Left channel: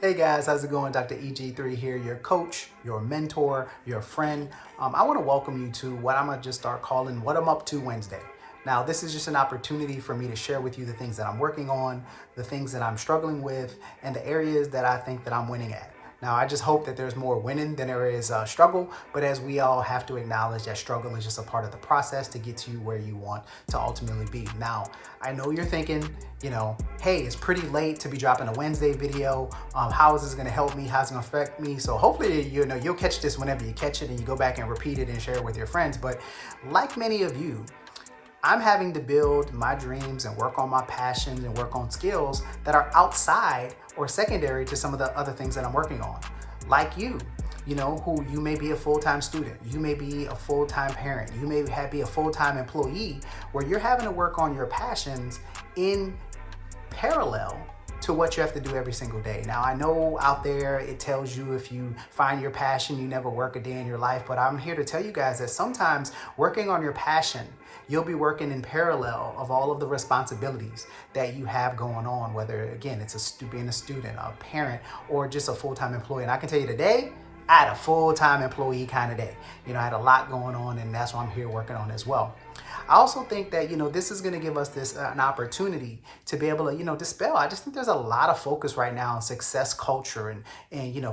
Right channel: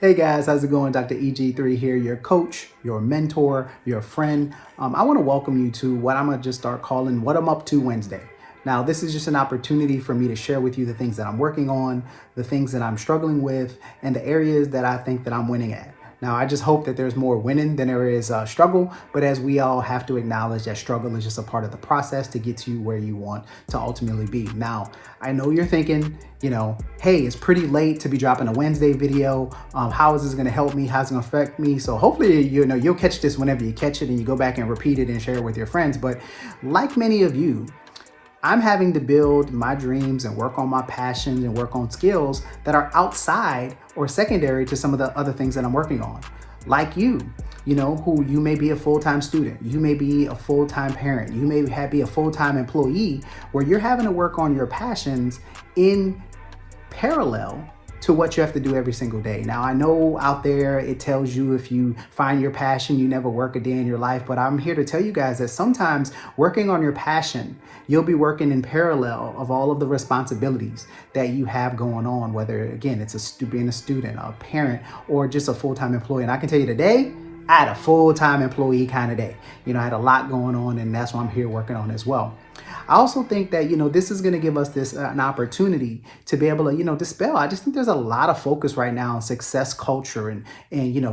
Hey guys, how's it going? Dr. EG3 here, your coach, your mentor, your friend. I want to welcome you to what I'm going to just start calling What I'm Up To Wednesday. Now, this is just an opportunity for me to share with you the things that I'm working on, the things that I'm struggling with, and the areas that I think that I'm winning at. Now, I just hope that there's more winning than there is struggle, but as we all have to acknowledge that struggle is just a part of the process to get you where you want to ultimately be. Now, I know you're thinking, hey, it's pretty late to be dropping a Wednesday video. How is this gonna help me? How's it gonna affect me? So hopefully, you'll catch this whenever you catch it and you go back and repeat it and share it with your friends. But like many of you, I'm having to build my dreams and work on my passions and work on skills that are outside or secondary to some of the other things that I'm working on. Like you who you may be a full-time student, you may be a full-time parent, you may be a full-time employee where you're having to work on your passions in parallel to what you have to do every single day. Now, I know out there it tells you if you find your passion, you never work a day in your life, but I'm here to tell you guys that sometimes working on your passion, you'll be working in parallel of all of the responsibilities that you have going on, whether, again, it's being a student, a parent, or just a full-time employee. And I can tell you today, I had a full-time employee kind of day. I had a lot going on, and that's what I'm here working on as well. I also think that, this is going to give us an opportunity to be able to, dispel. I just think there's a lot of focus right now on success culture and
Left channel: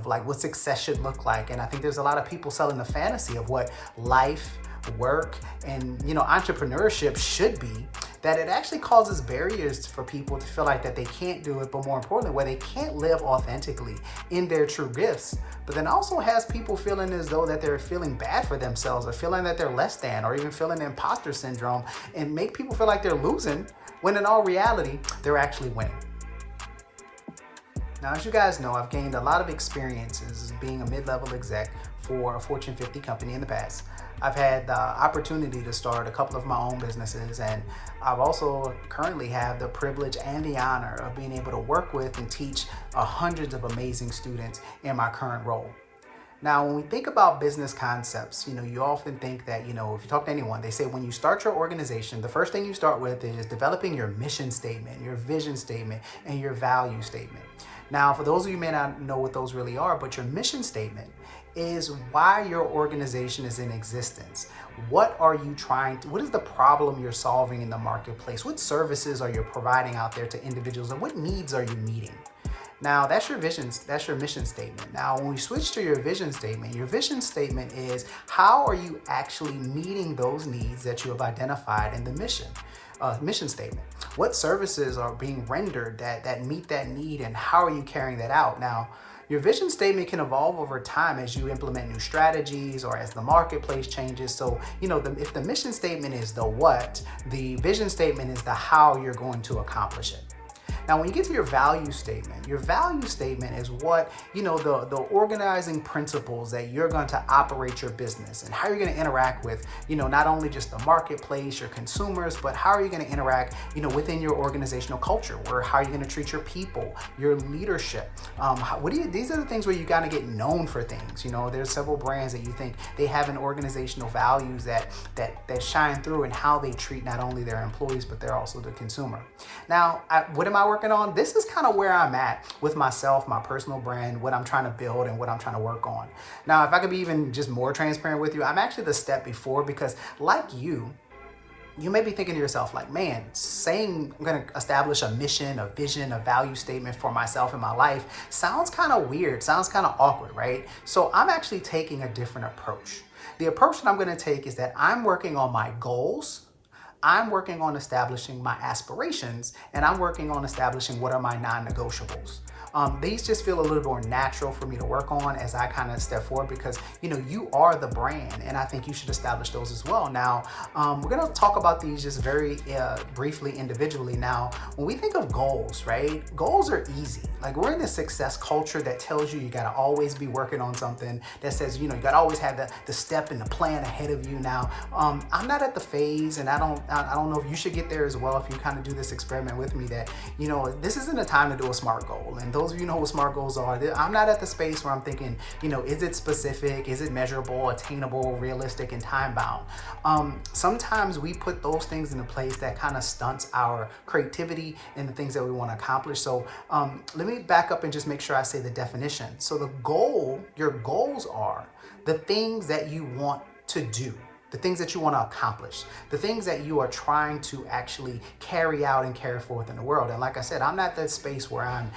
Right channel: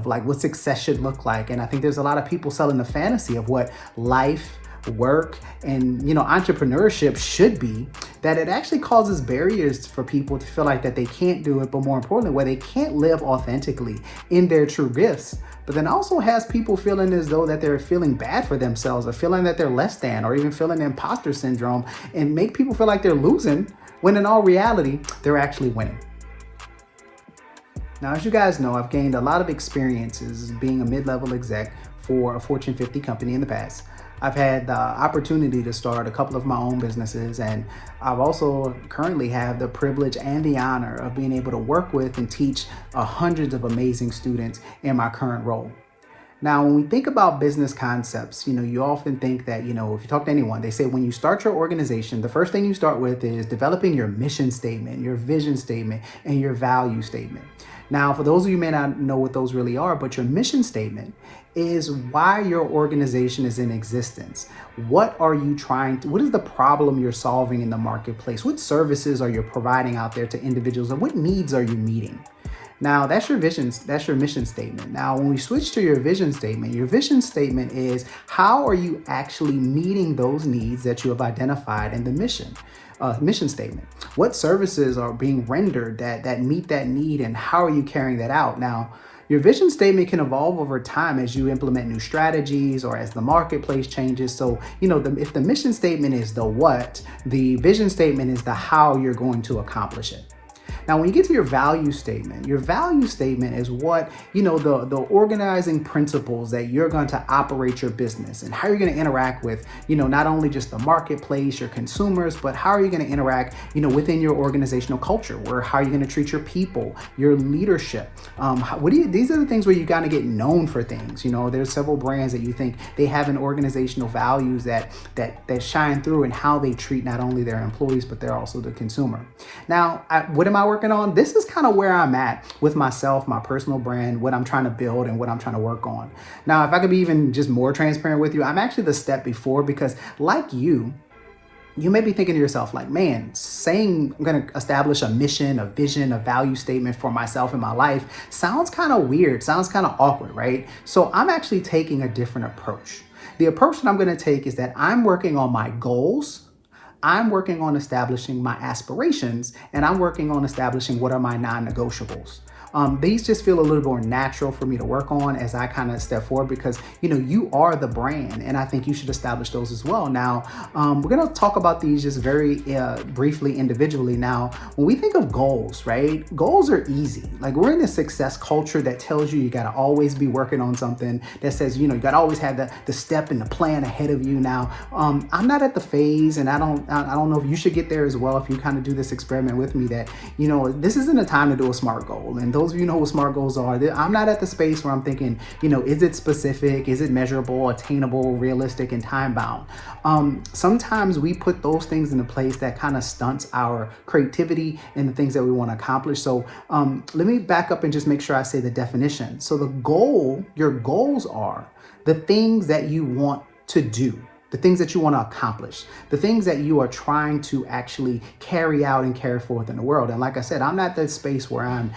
like what success should look like. And I think there's a lot of people selling the fantasy of what life, work, and entrepreneurship should be, that it actually causes barriers for people to feel like that they can't do it, but more importantly, where they can't live authentically in their true gifts. But then also has people feeling as though that they're feeling bad for themselves, or feeling that they're less than, or even feeling imposter syndrome, and make people feel like they're losing when in all reality, they're actually winning. Now, as you guys know, I've gained a lot of experiences being a mid-level exec for a Fortune 50 company in the past. I've had the opportunity to start a couple of my own businesses, and I've also currently have the privilege and the honor of being able to work with and teach hundreds of amazing students in my current role. Now, when we think about business concepts, you often think that, if you talk to anyone, they say when you start your organization, the first thing you start with is developing your mission statement, your vision statement, and your value statement. Now, for those of you who may not know what those really are, but your mission statement is why your organization is in existence. What is the problem you're solving in the marketplace? What services are you providing out there to individuals, and what needs are you meeting? Now, that's your vision, that's your mission statement. Now, when we switch to your vision statement is how are you actually meeting those needs that you have identified in the mission statement? What services are being rendered that meet that need, and how are you carrying that out? Now, your vision statement can evolve over time as you implement new strategies or as the marketplace changes. So, if the mission statement is the what, the vision statement is the how you're going to accomplish it. Now, when you get to your value statement is what, the organizing principles that you're going to operate your business, and how you're going to interact with, not only just the marketplace, your consumers, but how are you going to interact, within your organizational culture, how are you going to treat your people, your leadership? These are the things where you got to get known for things. There's several brands that you think they have an organizational values that shine through in how they treat not only their employees, but they're also the consumer. Now, what am I working on? This is kind of where I'm at with myself, my personal brand, what I'm trying to build and what I'm trying to work on. Now, if I could be even just more transparent with you, I'm actually the step before, because like you may be thinking to yourself like, man, saying I'm going to establish a mission, a vision, a value statement for myself in my life sounds kind of weird, sounds kind of awkward, right? So I'm actually taking a different approach. The approach that I'm going to take is that I'm working on my goals, I'm working on establishing my aspirations, and I'm working on establishing what are my non-negotiables. These just feel a little more natural for me to work on as I kind of step forward, because, you are the brand, and I think you should establish those as well. Now, we're going to talk about these just very briefly individually. Now, when we think of goals, right? Goals are easy. Like, we're in a success culture that tells you got to always be working on something, that says, you got to always have the step and the plan ahead of you. Now, I'm not at the phase, and I don't know if you should get there as well if you kind of do this experiment with me, that, this isn't a time to do a SMART goal. And those those of you know what SMART goals are, I'm not at the space where I'm thinking, is it specific? Is it measurable, attainable, realistic, and time bound? Sometimes we put those things into place that kind of stunts our creativity and the things that we want to accomplish. So let me back up and just make sure I say the definition. So your goals are the things that you want to do, the things that you want to accomplish, the things that you are trying to actually carry out and carry forth in the world. And like I said, I'm not that space where I'm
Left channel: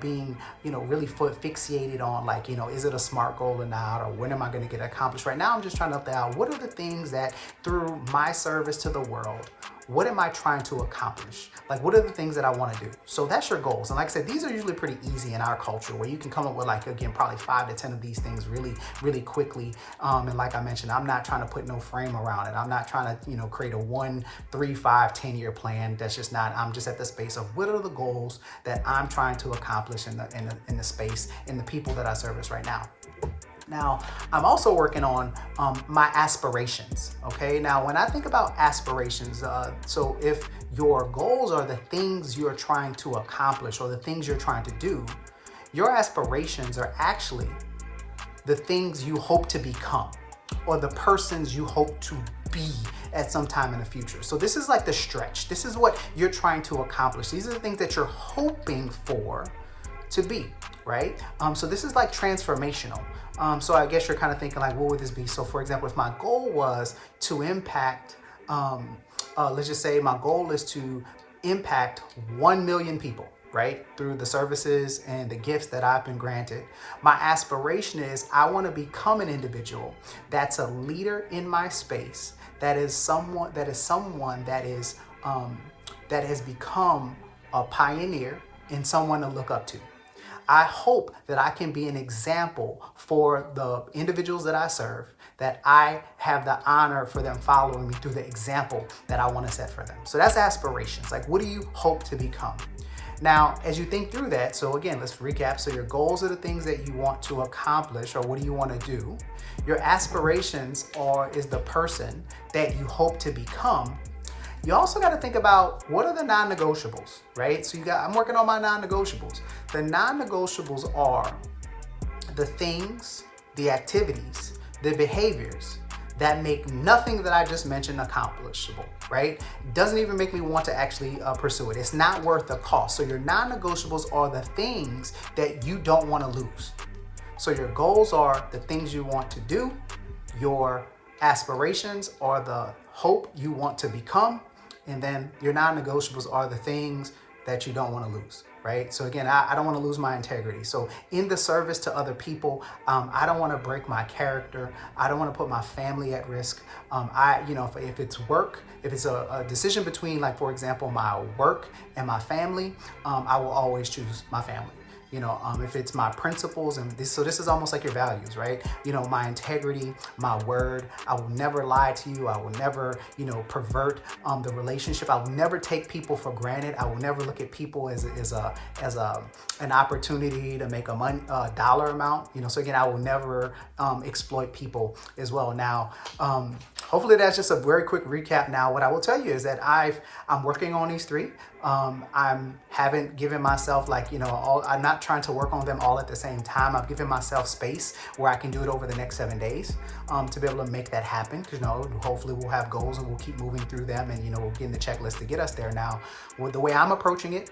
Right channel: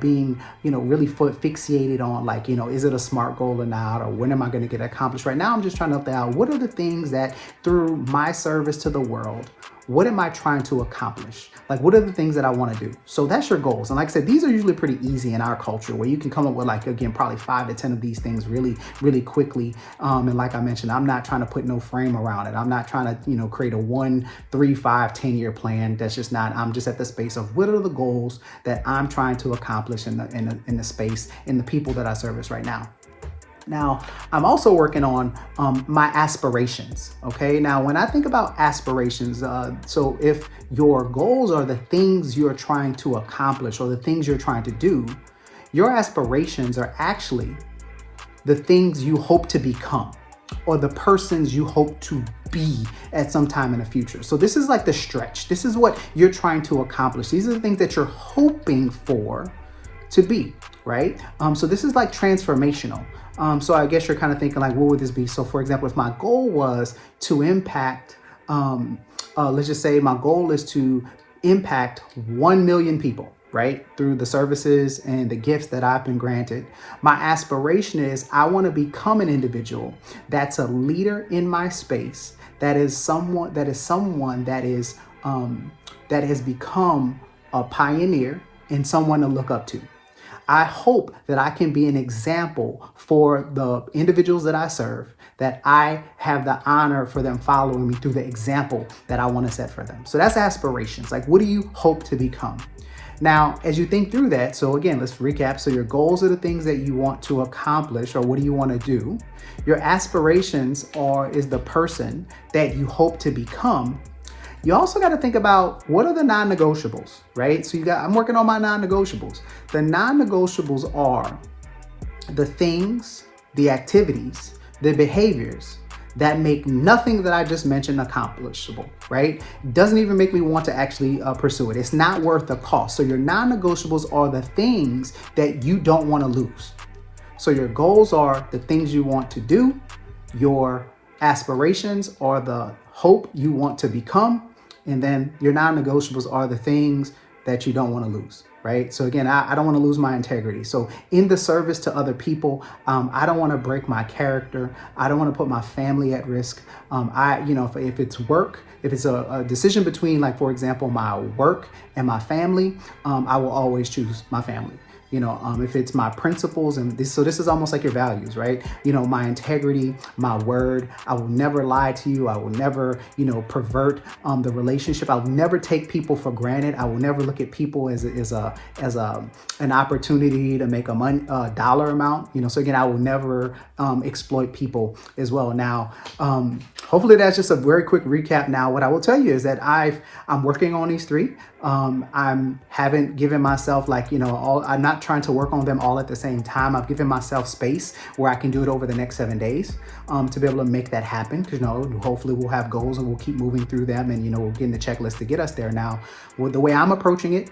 being, really fixated on like, is it a SMART goal or not, or when am I going to get it accomplished? Right now, I'm just trying to figure out what are the things that through my service to the world, what am I trying to accomplish? Like, what are the things that I want to do? So that's your goals. And like I said, these are usually pretty easy in our culture where you can come up with like, again, probably 5 to 10 of these things really, really quickly. And like I mentioned, I'm not trying to put no frame around it. I'm not trying to, create a 1, 3, 5, 10-year plan. That's just not, I'm just at the space of what are the goals that I'm trying to accomplish in the space, in the people that I service right now. Now, I'm also working on my aspirations, okay? Now, when I think about aspirations, so if your goals are the things you're trying to accomplish or the things you're trying to do, your aspirations are actually the things you hope to become or the persons you hope to be at some time in the future. So this is like the stretch. This is what you're trying to accomplish. These are the things that you're hoping for to be, right? So this is like transformational. So I guess you're kind of thinking like, what would this be? So for example, if my goal was to impact, let's just say my goal is to impact 1 million people, right? Through the services and the gifts that I've been granted. My aspiration is I want to become an individual that's a leader in my space, that has become a pioneer and someone to look up to. I hope that I can be an example for the individuals that I serve, that I have the honor for them following me through the example that I want to set for them. So that's aspirations. Like, what do you hope to become? Now, as you think through that, so again, let's recap. So your goals are the things that you want to accomplish or what do you want to do? Your aspirations is the person that you hope to become. You also got to think about what are the non-negotiables, right? So I'm working on my non-negotiables. The non-negotiables are the things, the activities, the behaviors that make nothing that I just mentioned accomplishable, right? Doesn't even make me want to actually pursue it. It's not worth the cost. So your non-negotiables are the things that you don't want to lose. So your goals are the things you want to do. Your aspirations are the hope you want to become. And then your non-negotiables are the things that you don't want to lose, right? So again, I don't want to lose my integrity. So in the service to other people, I don't want to break my character. I don't want to put my family at risk. If it's work, if it's a decision between, like, for example, my work and my family, I will always choose my family. If it's my principles so this is almost like your values, right? My integrity, my word, I will never lie to you. I will never, pervert the relationship. I will never take people for granted. I will never look at people as an opportunity to make a dollar amount, so again, I will never exploit people as well. Now, hopefully that's just a very quick recap. Now, what I will tell you is that I'm working on these 3. I haven't given myself I'm not trying to work on them all at the same time. I've given myself space where I can do it over the next 7 days to be able to make that happen. Because hopefully we'll have goals and we'll keep moving through them, and we'll get in the checklist to get us there. Now, with the way I'm approaching it,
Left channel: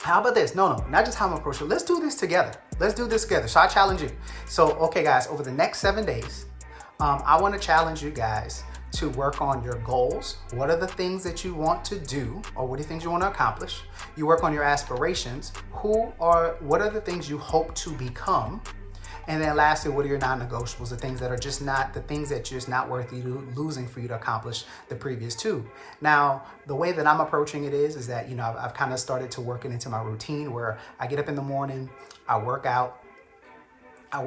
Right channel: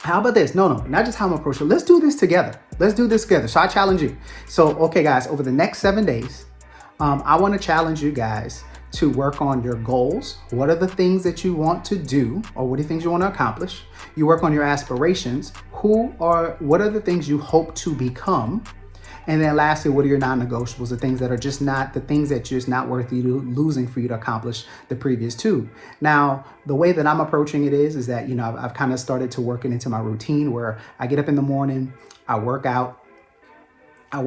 how about this? No, not just how I'm approaching it. Let's do this together. Let's do this together. So I challenge you. So, okay, guys, over the next 7 days, I want to challenge you guys to work on your goals. What are the things that you want to do, or what are the things you want to accomplish? You work on your aspirations. What are the things you hope to become? And then lastly, what are your non-negotiables? The things that are just not worth you losing for you to accomplish the previous 2. Now, the way that I'm approaching it is that, I've kind of started to work it into my routine where I get up in the morning, I work out, I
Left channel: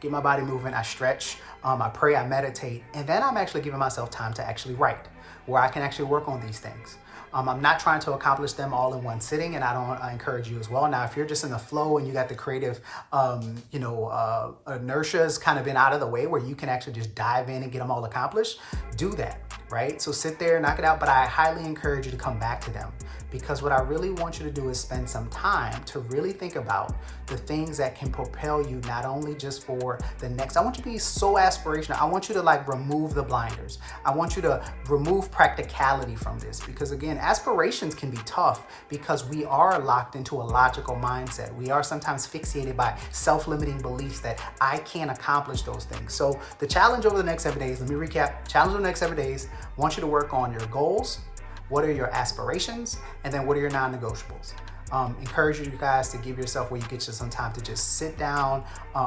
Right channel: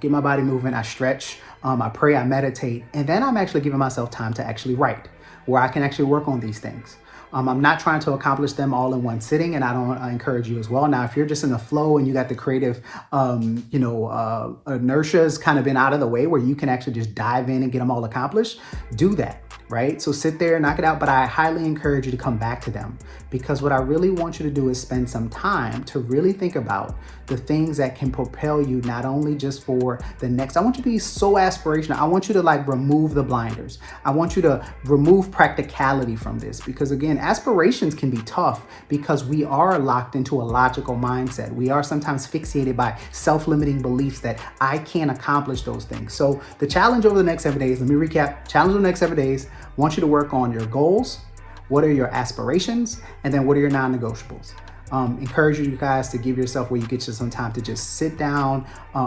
get my body moving, I stretch, I pray, I meditate, and then I'm actually giving myself time to actually write, where I can actually work on these things. I'm not trying to accomplish them all in one sitting, and I encourage you as well. Now, if you're just in a flow and you got the creative, inertia's kind of been out of the way where you can actually just dive in and get them all accomplished, do that, right? So sit there, knock it out, but I highly encourage you to come back to them because what I really want you to do is spend some time to really think about the things that can propel you, not only just for the next. I want you to be so aspirational. I want you to like remove the blinders. I want you to remove practicality from this, because again, aspirations can be tough because we are locked into a logical mindset. We are sometimes fixated by self-limiting beliefs that I can't accomplish those things. So the challenge over the next 7 days, let me recap. Challenge over the next 7 days, I want you to work on your goals. What are your aspirations? And then what are your non-negotiables? Encourage you guys to give yourself where you get you some time to just sit down,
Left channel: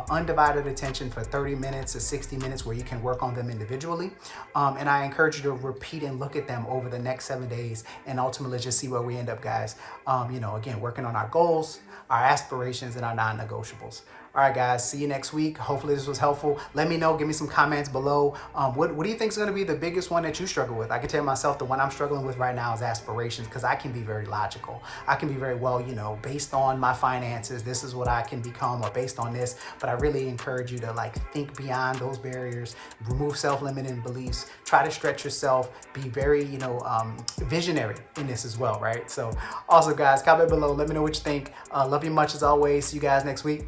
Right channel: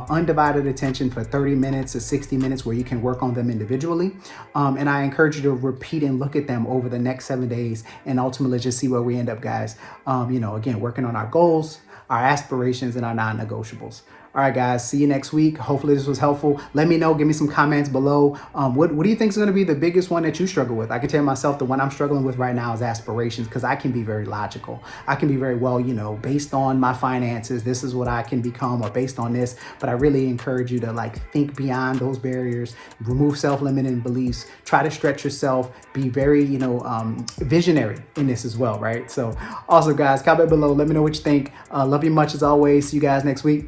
undivided attention for 30 minutes to 60 minutes where you can work on them individually. And I encourage you to repeat and look at them over the next 7 days and ultimately just see where we end up, guys. Again, working on our goals, our aspirations, and our non-negotiables. All right, guys, see you next week. Hopefully this was helpful. Let me know, give me some comments below. What do you think is gonna be the biggest one that you struggle with? I can tell myself the one I'm struggling with right now is aspirations, because I can be very logical. I can be very, well, based on my finances, this is what I can become, or based on this. But I really encourage you to like think beyond those barriers, remove self-limiting beliefs, try to stretch yourself, be very, visionary in this as well, right? So also, guys, comment below, let me know what you think. Love you much as always. See you guys next week.